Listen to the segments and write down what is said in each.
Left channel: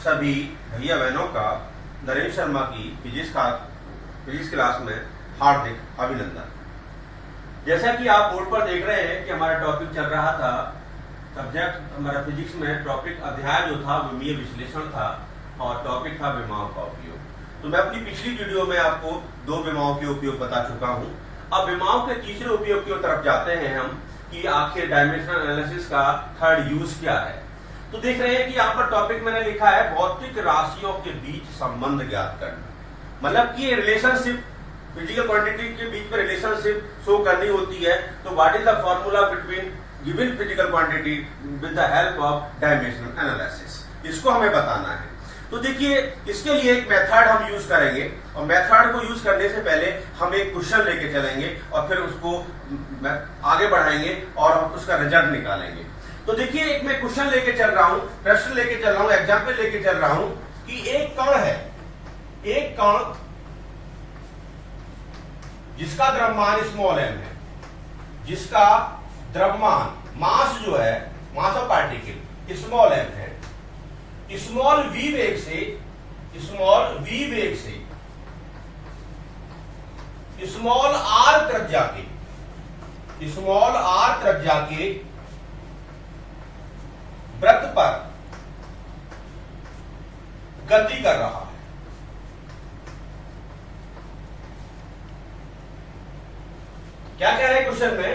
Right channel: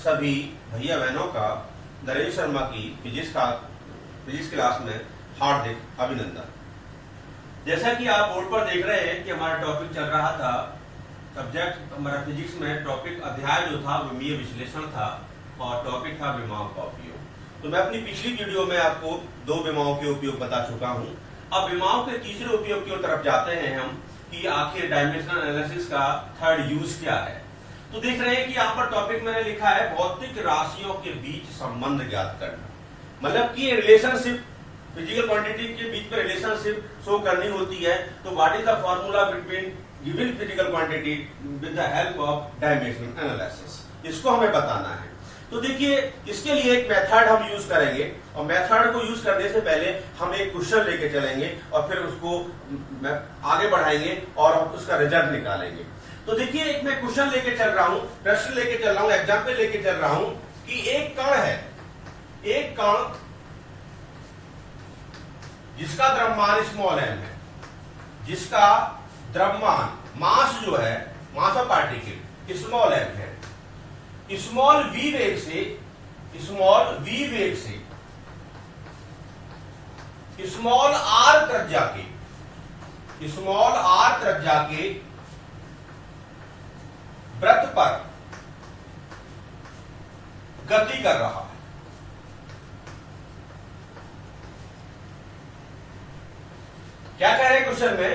सभी भैया बहनों का नरेश शर्मा की फिजिक्स क्लास में हार्दिक अभिनंदन। जैसा कि आप बोर्ड पर देख रहे हैं कि हमारा टॉपिक चल रहा था, सब्जेक्ट हमारा फिजिक्स में टॉपिक अध्याय जो था विमीय विश्लेषण था और टॉपिक था विमाओं का उपयोग। तो मैं अपनी पिछली वीडियो में आपको दो विमाओं के उपयोग बता चुका हूं। अब विमाओं के तीसरे उपयोग की तरफ जाते हैं हम कि आखिर डायमेंशनल एनालिसिस का थर्ड यूज क्या है। तो देख रहे हैं कि यहाँ पर टॉपिक मैंने लिखा है भौतिक राशियों के बीच संबंध ज्ञात करना, मतलब कि रिलेशनशिप फिजिकल क्वांटिटी के बीच में रिलेशनशिप शो करनी होती है। तो what is the formula between given physical quantity with the help of dimensional analysis, इसको हमें बताना है। तो देखिए, इसके लिए एक मेथड हम यूज करेंगे और मेथड को यूज करने से पहले हम एक क्वेश्चन लेके चलेंगे और फिर उसको आगे बढ़ाएंगे और हम उसका रिजल्ट निकालेंगे। तो देखिए, एक मैं क्वेश्चन लेके चल रहा हूं, प्रश्न लेके चल रहा हूं, एग्जाम्पल लेके चल रहा हूं कि एक कण है, एक कण जिसका द्रव्यमान स्मॉल एम है, जिसका द्रव्यमान मास जो है, mass of particle small M है, स्मॉल वी वेग से स्मॉल आर त्रिज्या के वृत्त पर गति कर रहा है। क्या कह रहे हैं क्वेश्चन में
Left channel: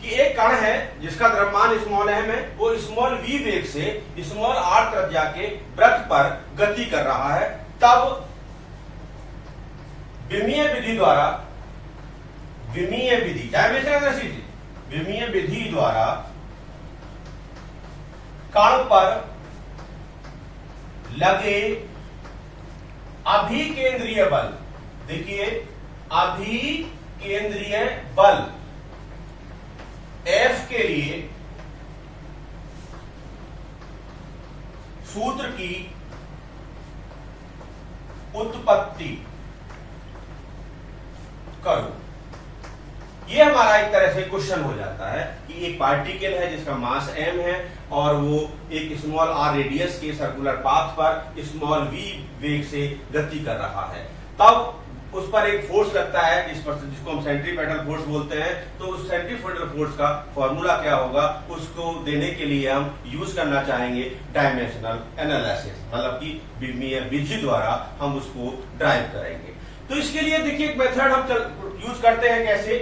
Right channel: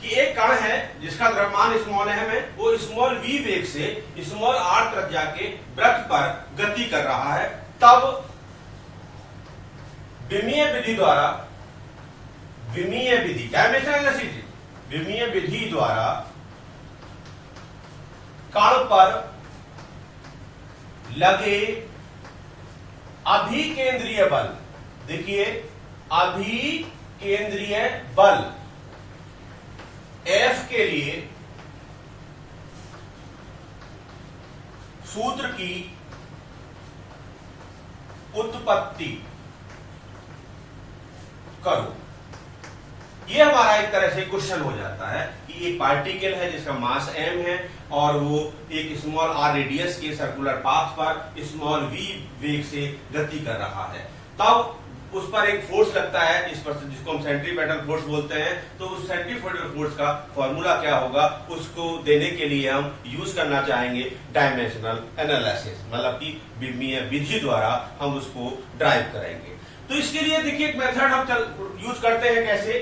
कि एक कण है जिसका द्रव्यमान स्मॉल एम है, वो स्मॉल वी वेग से स्मॉल आर त्रिज्या के वृत्त पर गति कर रहा है। तब विमीय विधि डायमेंशनल एनालिसिस, विमीय विधि द्वारा कण पर लगे अभिकेंद्रीय बल, देखिए अभिकेंद्रीय बल F के लिए सूत्र की उत्पत्ति करो। ये हमारा एक तरह से क्वेश्चन हो जाता है कि एक पार्टिकल है जिसका मास m है और वो एक स्मॉल r रेडियस के सर्कुलर पाथ पर स्मॉल v वेग से गति कर रहा है। तब उस पर एक फोर्स लगता है, जिसको हम सेंट्रीपेटल फोर्स बोलते हैं। तो उस सेंट्रीपेटल फोर्स का फॉर्मूला क्या होगा, उसको देने के लिए हम यूज करना चाहेंगे डायमेंशनल एनालिसिस, मतलब कि विमीय विधि द्वारा हम उसको ड्राइव करेंगे। तो इसके लिए देखिए एक मेथड हम यूज करते हैं। कैसे?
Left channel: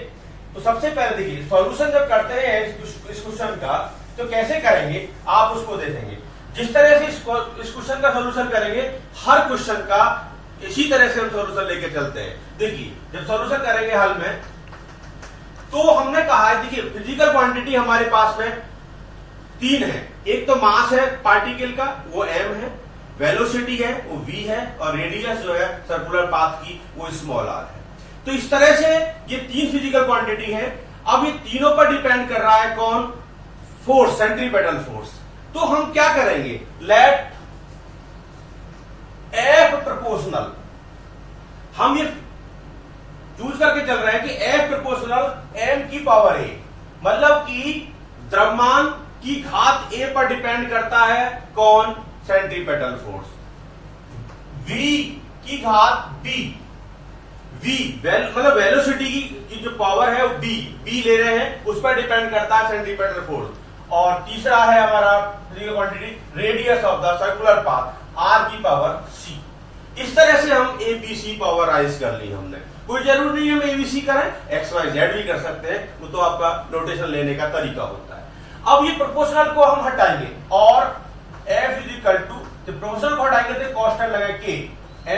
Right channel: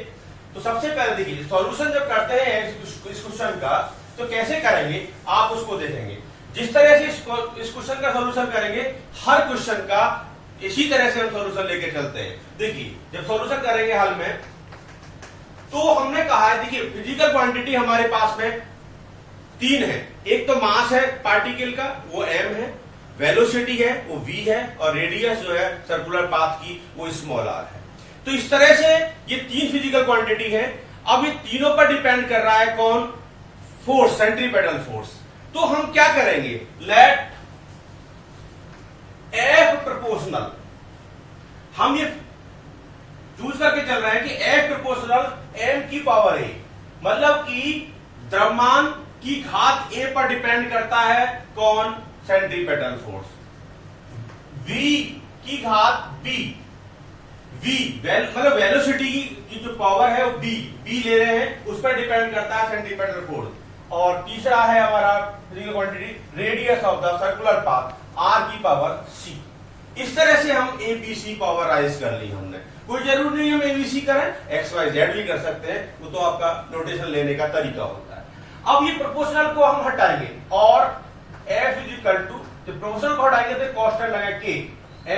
तो सबसे पहले देखिए, सॉल्यूशन जब करते हैं इस क्वेश्चन का तो कैसे करेंगे आप उसको देखेंगे। जिस तरह से इस क्वेश्चन का सॉल्यूशन करेंगे, हर क्वेश्चन का इसी तरह से हम सॉल्यूशन लेके चलते हैं। देखिए, जब सॉल्यूशन करेंगे हल में, तो हमने कहा है, देखिए फिजिकल क्वांटिटी हमारे पास में तीन है। एक तो मास है पार्टिकल का, वो m है, वेलोसिटी है वो v है, और रेडियस जो है सर्कुलर पाथ की वो स्मॉल r है। तो इस तरह से ये तीन फिजिकल क्वांटिटी है। अब ये तीनों पर डिपेंड कर रहा है कौन? Force, centripetal force. तो हम क्या करेंगे, लेट F प्रोपोर्शनल, हम ये चूज करके चल रहे हैं कि F प्रोपोर्शनल m की पावर a, मतलब कि द्रव्यमान की घात a पर डिपेंड करता है कौन? Centripetal force. v की घात b, मतलब वेलोसिटी की जो पावर है वो b ले रहे हैं, उस पर डिपेंड करता है सेंट्रीपेटल फोर्स। और तीसरा है हमारा physical quantity radius of the circular path, r की पावर c। इस तरह से हम abc पावराइज कर ली हमने। कोई जरूरी नहीं हम abc करें, xyz भी कर सकते हैं, वो तो आपका नोटेशन लेने का तरीका होता है। अब ये प्रोपोर्शनल को हम हटाएंगे और f is equal to, proportional को हटाएंगे तो कांस्टेंट लगाए k,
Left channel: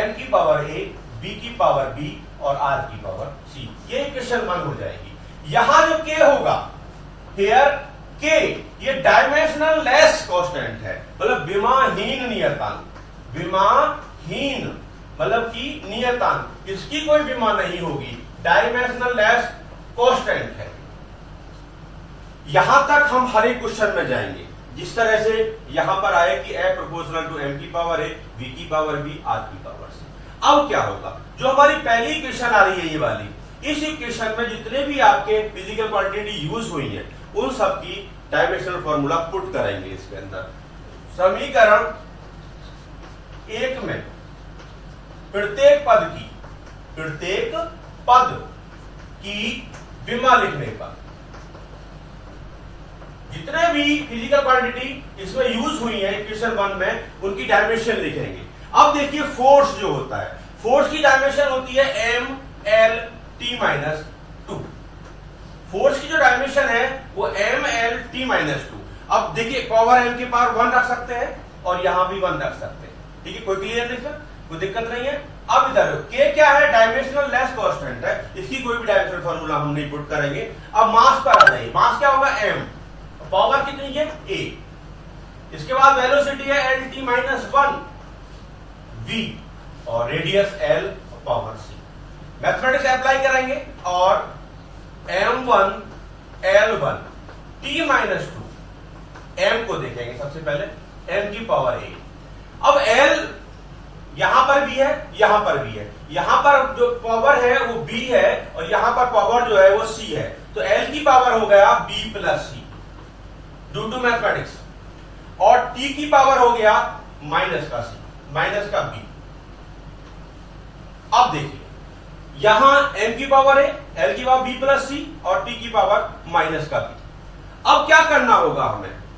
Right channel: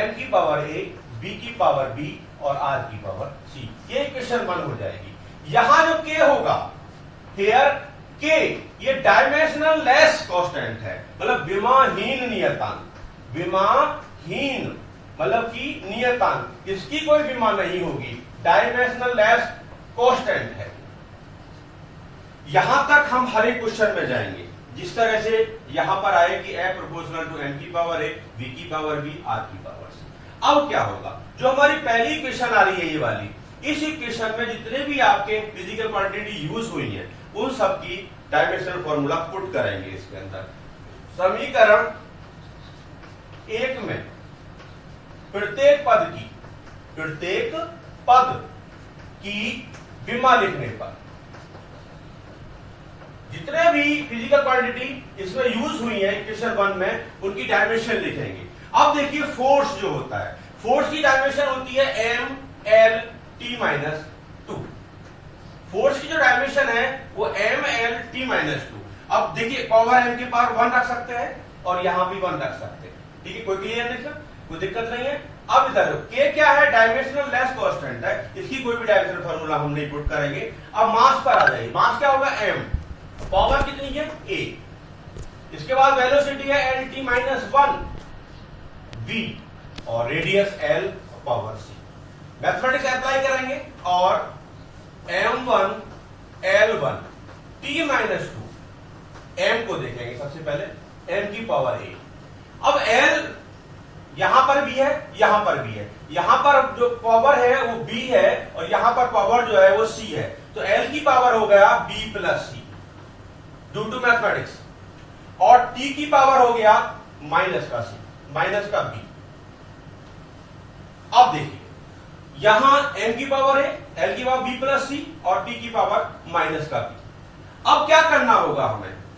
m की पावर a, b की पावर b और r की पावर c। ये इक्वेशन 1 हो जाएगी। यहां जो k होगा, हियर k ये डायमेंशनल लेस कांस्टेंट है, मतलब विमाहीन नियतांक। विमाहीन मतलब कि नियतांक, इसकी कोई विमा नहीं होगी, डायमेंशनल लेस कांस्टेंट है। यहां तक हम हर एक क्वेश्चन में जाएंगे, जिस तरह से यहां पर आए कि F प्रोपोर्शनल टू m की पावर a, v की पावर b, r की पावर c। अब क्या होगा, जो हमारी पहली इक्वेशन आ रही है ये वाली, इस इक्वेशन में जितने भी आपके फिजिकल क्वांटिटी यूज हुई है उन सब की डायमेंशनल फॉर्मूला पुट करेंगे इसके अंदर। समीकरण एक में प्रत्येक पद की विमा लिखने पर जितने भी फिजिकल क्वांटिटी इसमें यूज हुई है इक्वेशन 1 में उनकी डायमेंशन लिखेंगे। अब देखिए फोर्स जो होता है, फोर्स की डायमेंशन होती है MLT-2। फोर्स की जो डायमेंशन है वो MLT-2। अब देखिए पावर m के पावर 1 रख सकते हैं और यहां भी 1 रख सकते हैं, ठीक है, कोई क्लियर नहीं सर, कोई दिक्कत नहीं है। अब इधर k क्या है, डायमेंशनल लेस कांस्टेंट है, इसकी कोई भी डायमेंशनल फार्मूला हम नहीं पुट करेंगे। अब मास पर आ जाइए, मास क्या होगा m, पावर कितनी है a, इसके बाद वेलोसिटी है LT-1 v और radius l power c। Mathematics apply करेंगे और m1 L1 T-2 m को देखेंगे सबसे पहले, m की पावर a। अब l यहां पर भी है, यहां पर भी है, यहां पर जो पावर है वो b है और यहां पर पावर जो है वो c है, तो l की पावर हो गया b plus c due to mathematics, और t की पावर हो गया माइनस का c, माइनस का b। अब देखिए यहां m की पावर है, l की पावर b प्लस c और t की पावर माइनस का b। अब क्या करना होगा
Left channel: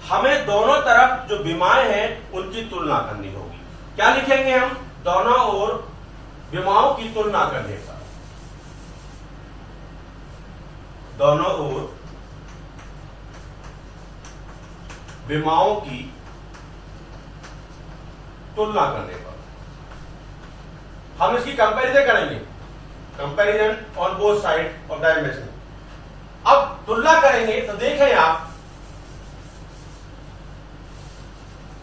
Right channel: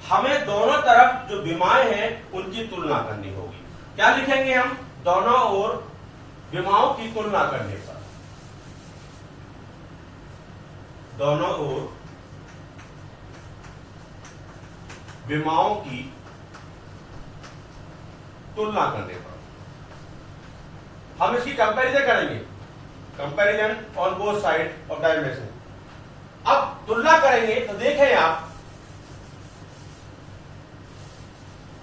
हमें दोनों तरफ जो विमाएं हैं उनकी तुलना करनी होगी। क्या लिखेंगे हम, दोनों ओर विमाओं की तुलना करने का, दोनों ओर विमाओं की तुलना करने पर हम इसकी कंपैरिजन करेंगे, comparison on both side of the equation. अब तुलना करेंगे तो देखें आप,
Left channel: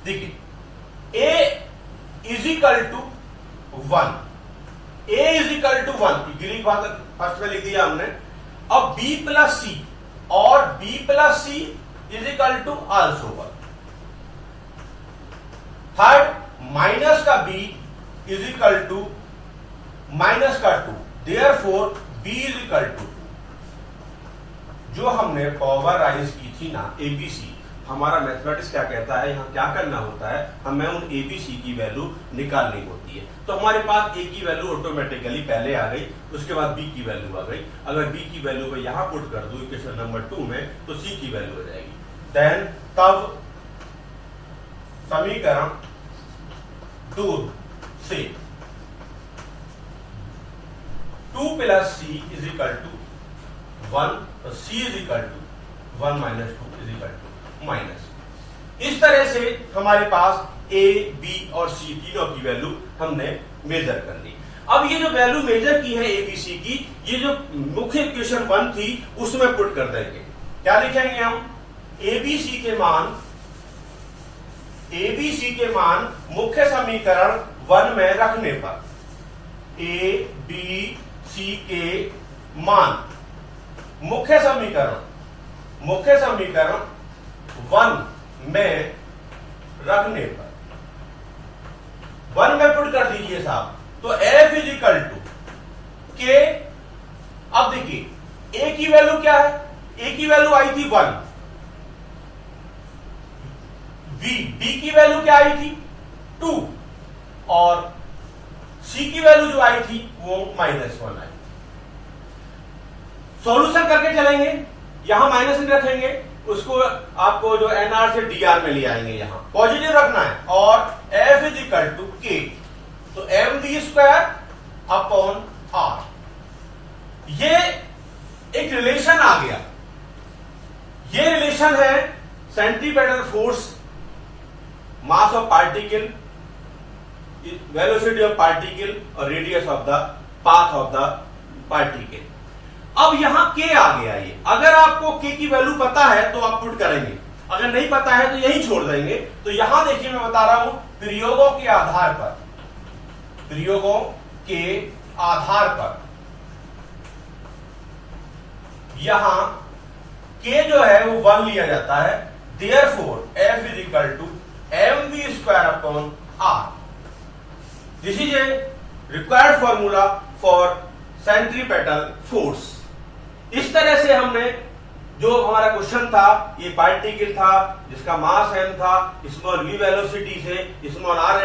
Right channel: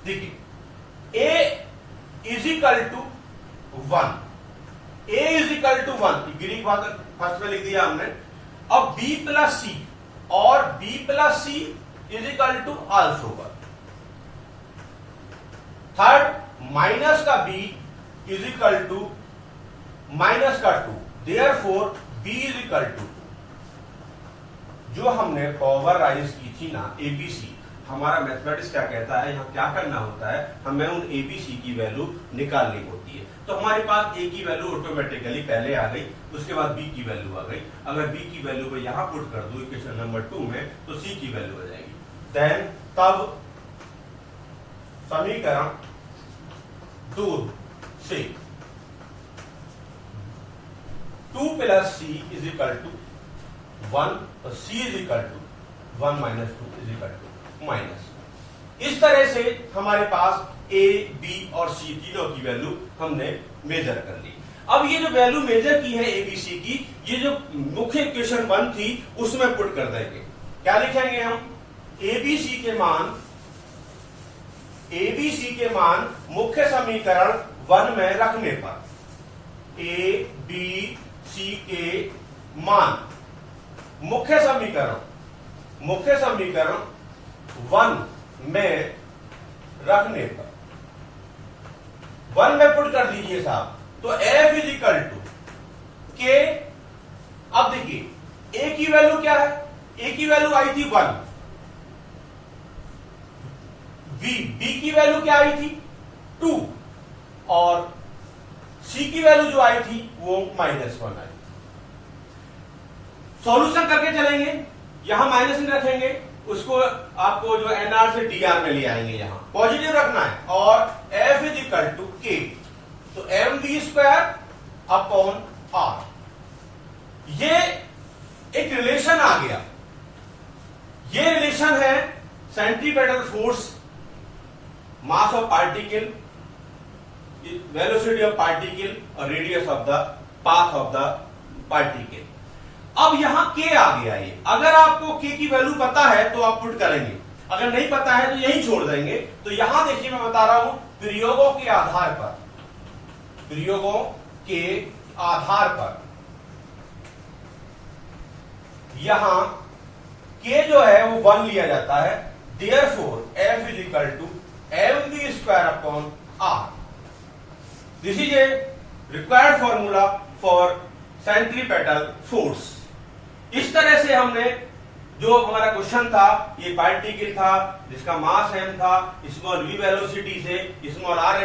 देखिए a is equal to 1, a is equal to 1 ग्रीक बात फर्स्ट में लिख दिया हमने। अब b प्लस सी और b plus C is equal to also 1। Third, minus का b is equal to minus का 2, therefore b is equal to 2। जो हमने पावर राइज की थी ना एबीसी, हमारा मैथमेटिक्स क्या कहता है, यहां क्या करना होता है, हमें उन एबीसी की वैल्यू निकालनी होती है। तो हमारे पास ए की वैल्यू ऑटोमेटिकली पहले आ गई, उसके बाद बी की वैल्यू आ गई। अगर बी की वैल्यू को यहां पुट कर दो इक्वेशन नंबर 2 में तो सी की वैल्यू हो जाएगी। देन तब समीकरण 2 से 2 plus C is equal to 1, तो C is equal to 1 minus 2 is equal to minus. इस तरह से हमारे पास ए, बी और सी तीनों की वैल्यू हमने मेजर कर ली। अब ये जो वैल्यू मेजर की है एबीसी की, ये जो मुख्य इक्वेशन 1 थी उसमें पुट कर देंगे। क्या लिखेंगे हम, एबीसी के मान मुख्य समीकरण 1 में रखने पर, ए बी सी के मान मुख्य समीकरण 1 में रखने पर 1 में पुट कर दीजिए साहब, तो एफ इज इक्वल टू के। अब देखिए ए की वैल्यू क्या है, ए की वैल्यू आई थी 1, बी की वैल्यू क्या आई थी 2 और सी की वैल्यू जो आई थी वो -1 आई। सॉल्यूशन करके चलेंगे, यहां माइनस नहीं रखेंगे, उसको आपको जो एनआर से डीआर में ले आएंगे, यहां पॉजिटिव रखना है, और एफ इज इक्वल टू के, तो M V square upon R. ये एक रिलेशन आ गया, ये रिलेशन है centripetal force, mass of particle, velocity of particle और radius of the path of the particle. अब यहां के आ गया, ये अगर आपको के की वैल्यू पता है तो आप पुट करेंगे, अगर नहीं पता है तो यही छोड़ देंगे। तो यहां देखिए मैं बता रहा हूं, प्रयोगों के आधार पर यहां के जो है वो 1 लिया जाता है, therefore F is equal to M V square upon R. This is a required formula for centripetal force. इस तरह से हमने जो हमारा क्वेश्चन था, ये पार्टिकल था जिसका मास m था, स्मॉल v वेलोसिटी से स्मॉल r